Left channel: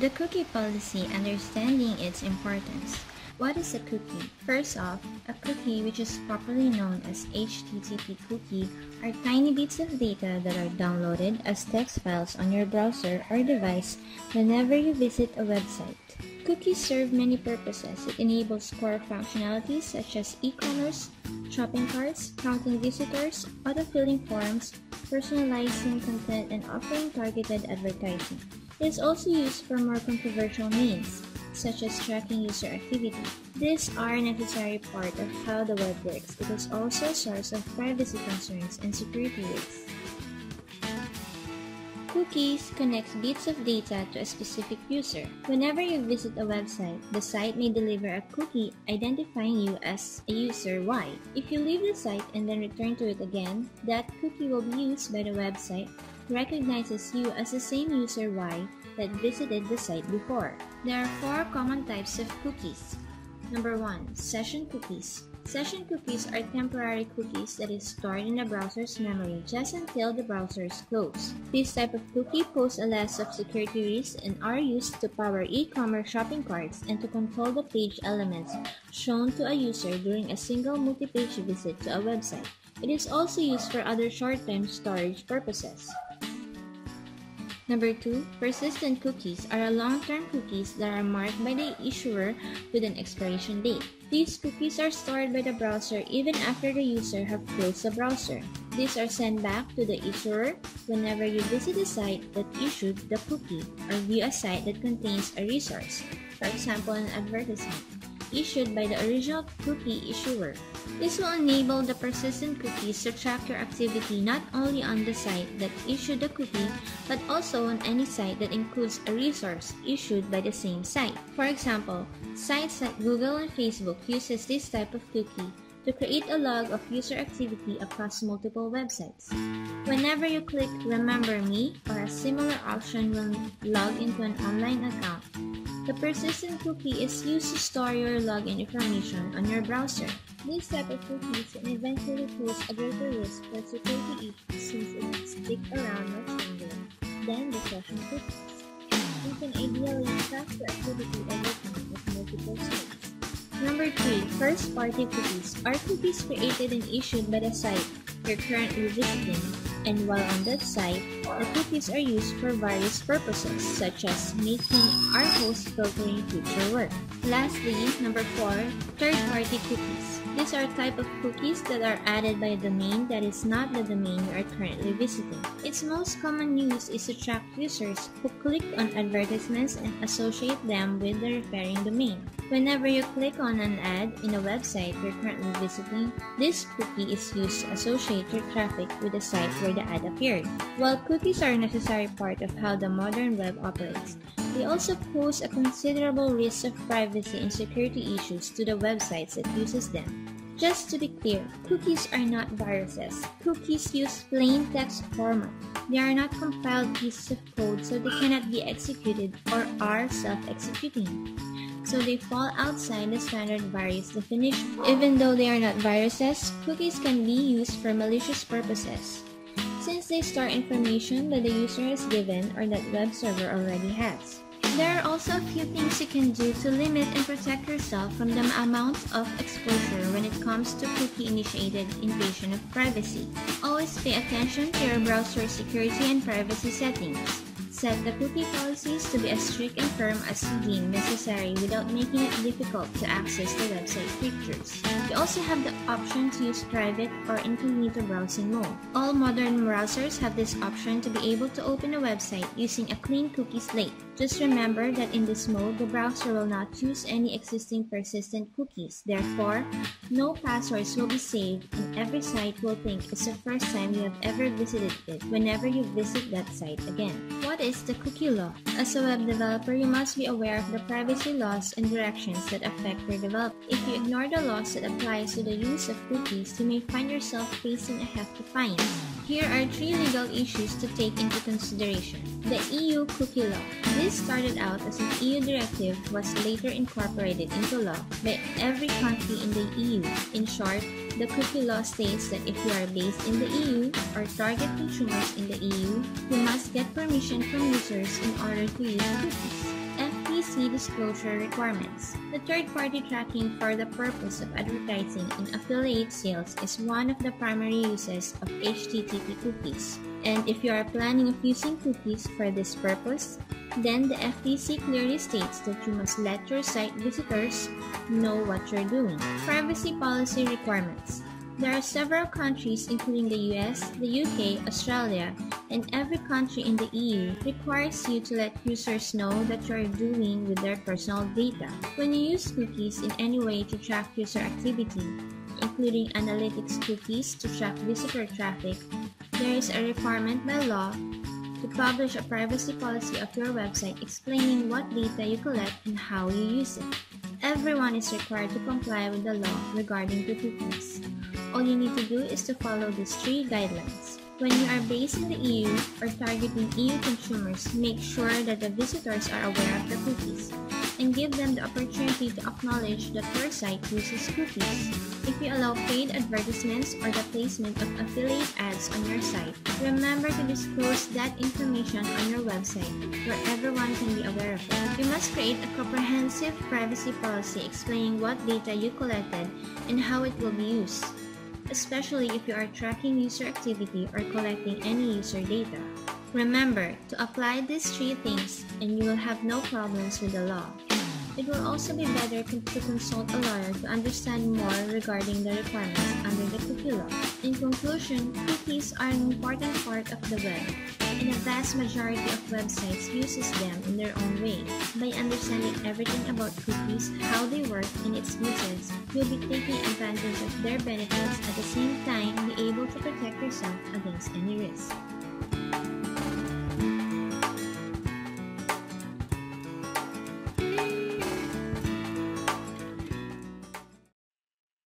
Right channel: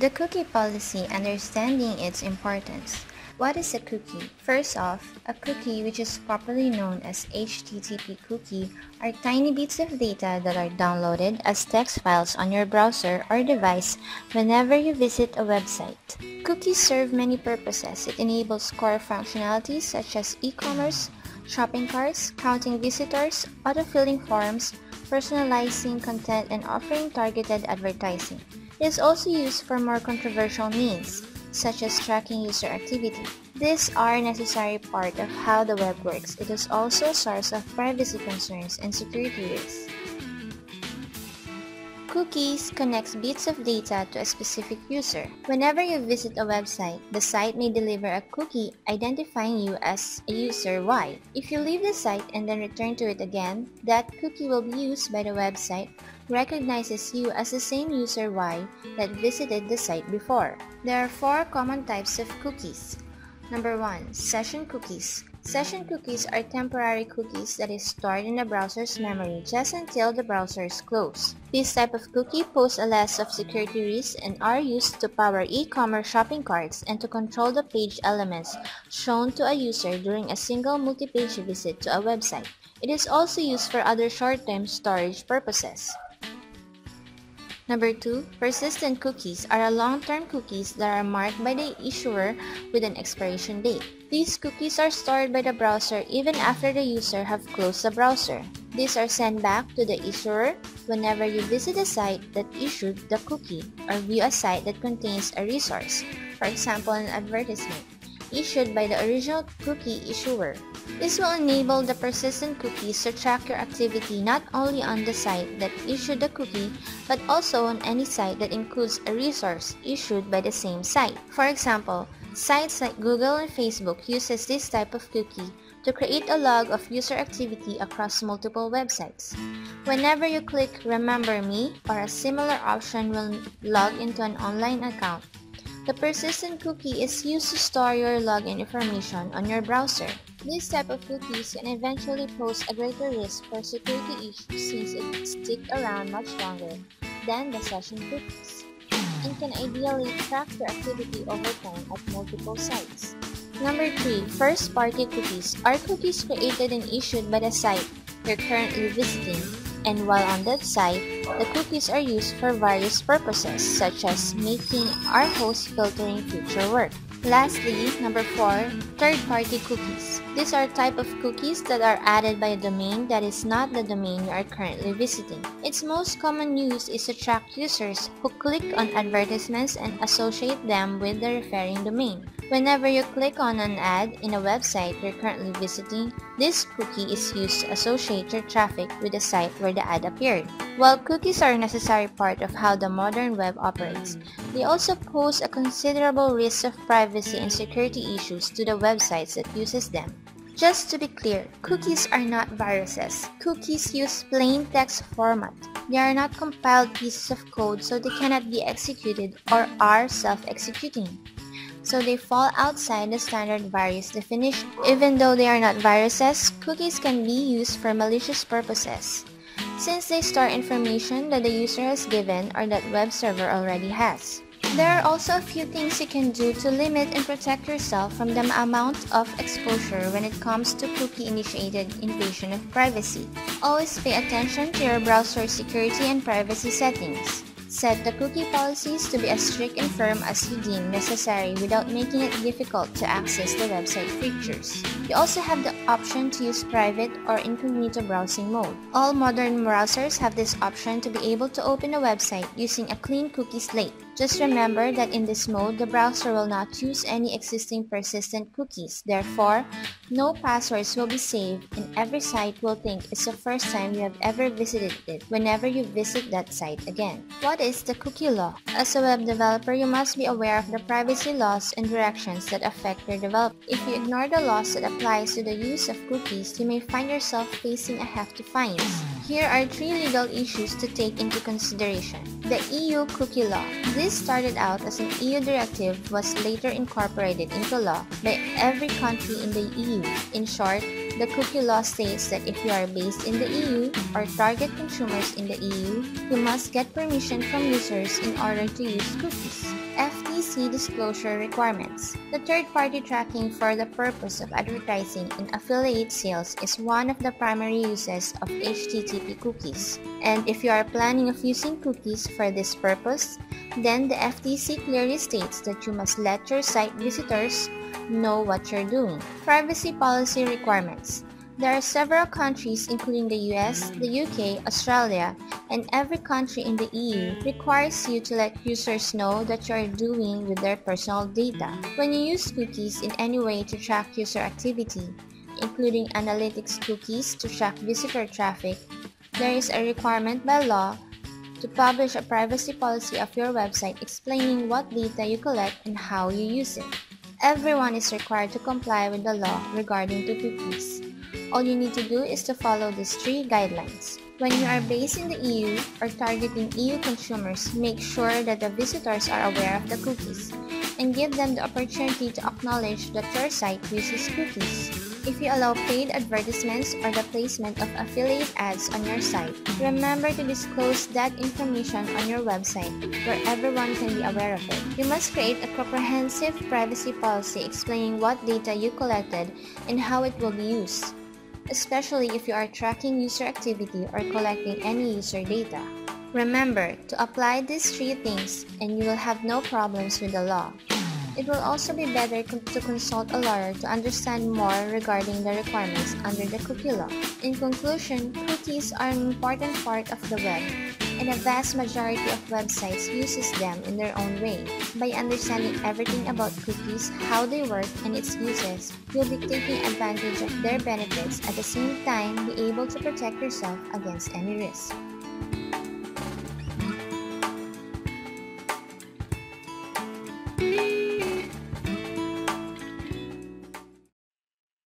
The cookie policy, understanding its importance. What is a cookie? First off, a cookie, which is popularly known as HTTP cookie, are tiny bits of data that are downloaded as text files on your browser or device whenever you visit a website. Cookies serve many purposes. It enables core functionalities such as e-commerce, shopping carts, counting visitors, autofilling forms, personalizing content, and offering targeted advertising. It is also used for more controversial means, such as tracking user activity. These are a necessary part of how the web works. It is also a source of privacy concerns and security risks. Cookies connects bits of data to a specific user. Whenever you visit a website, the site may deliver a cookie identifying you as a user Y. If you leave the site and then return to it again, that cookie will be used by the website, recognizes you as the same user Y that visited the site before. There are 4 common types of cookies. Number 1. Session cookies. Session cookies are temporary cookies that is stored in the browser's memory just until the browser is closed. This type of cookie pose a less of security risks and are used to power e-commerce shopping carts and to control the page elements shown to a user during a single multi-page visit to a website. It is also used for other short-term storage purposes. Number 2. Persistent cookies are long-term cookies that are marked by the issuer with an expiration date. These cookies are stored by the browser even after the user have closed the browser. These are sent back to the issuer whenever you visit a site that issued the cookie or view a site that contains a resource, for example an advertisement, issued by the original cookie issuer. This will enable the persistent cookies to track your activity not only on the site that issued the cookie, but also on any site that includes a resource issued by the same site. For example, sites like Google and Facebook uses this type of cookie to create a log of user activity across multiple websites. Whenever you click Remember Me or a similar option will log into an online account, the persistent cookie is used to store your login information on your browser. This type of cookies can eventually pose a greater risk for security issues since it will stick around much longer than the session cookies and can ideally track your activity over time at multiple sites. Number 3. First-party cookies are cookies created and issued by the site you're currently visiting, and while on that site, the cookies are used for various purposes such as making our host filtering future work. Lastly, number 4. Third-party cookies. These are a type of cookies that are added by a domain that is not the domain you are currently visiting. Its most common use is to track users who click on advertisements and associate them with the referring domain. Whenever you click on an ad in a website you're currently visiting, this cookie is used to associate your traffic with the site where the ad appeared. While cookies are a necessary part of how the modern web operates, they also pose a considerable risk of privacy and security issues to the websites that uses them. Just to be clear, cookies are not viruses. Cookies use plain text format. They are not compiled pieces of code, so they cannot be executed or are self-executing. So they fall outside the standard virus definition. Even though they are not viruses, cookies can be used for malicious purposes, since they store information that the user has given or that web server already has. There are also a few things you can do to limit and protect yourself from the amount of exposure when it comes to cookie-initiated invasion of privacy. Always pay attention to your browser security and privacy settings. Set the cookie policies to be as strict and firm as you deem necessary without making it difficult to access the website features. You also have the option to use private or incognito browsing mode. All modern browsers have this option to be able to open a website using a clean cookie slate. Just remember that in this mode, the browser will not use any existing persistent cookies. Therefore, no passwords will be saved and every site will think it's the first time you have ever visited it whenever you visit that site again. What is the cookie law? As a web developer, you must be aware of the privacy laws and directions that affect your development. If you ignore the laws that applies to the use of cookies, you may find yourself facing a hefty fine. Here are 3 legal issues to take into consideration. The EU cookie law. This started out as an EU directive, was later incorporated into law by every country in the EU. In short, the cookie law states that if you are based in the EU or target consumers in the EU, you must get permission from users in order to use cookies. privacy disclosure requirements. The third-party tracking for the purpose of advertising and affiliate sales is one of the primary uses of HTTP cookies. And if you are planning of using cookies for this purpose, then the FTC clearly states that you must let your site visitors know what you're doing. Privacy policy requirements. There are several countries, including the US, the UK, Australia, and every country in the EU requires you to let users know what you are doing with their personal data. When you use cookies in any way to track user activity, including analytics cookies to track visitor traffic, there is a requirement by law to publish a privacy policy of your website explaining what data you collect and how you use it. Everyone is required to comply with the law regarding to cookies. All you need to do is to follow these 3 guidelines. When you are based in the EU or targeting EU consumers, make sure that the visitors are aware of the cookies and give them the opportunity to acknowledge that your site uses cookies. If you allow paid advertisements or the placement of affiliate ads on your site, remember to disclose that information on your website where everyone can be aware of it. You must create a comprehensive privacy policy explaining what data you collected and how it will be used, especially if you are tracking user activity or collecting any user data. Remember to apply these 3 things and you will have no problems with the law. It will also be better to consult a lawyer to understand more regarding the requirements under the cookie law. In conclusion, cookies are an important part of the web, and a vast majority of websites uses them in their own way. By understanding everything about cookies, how they work, and its uses, you'll be taking advantage of their benefits at the same time be able to protect yourself against any risk.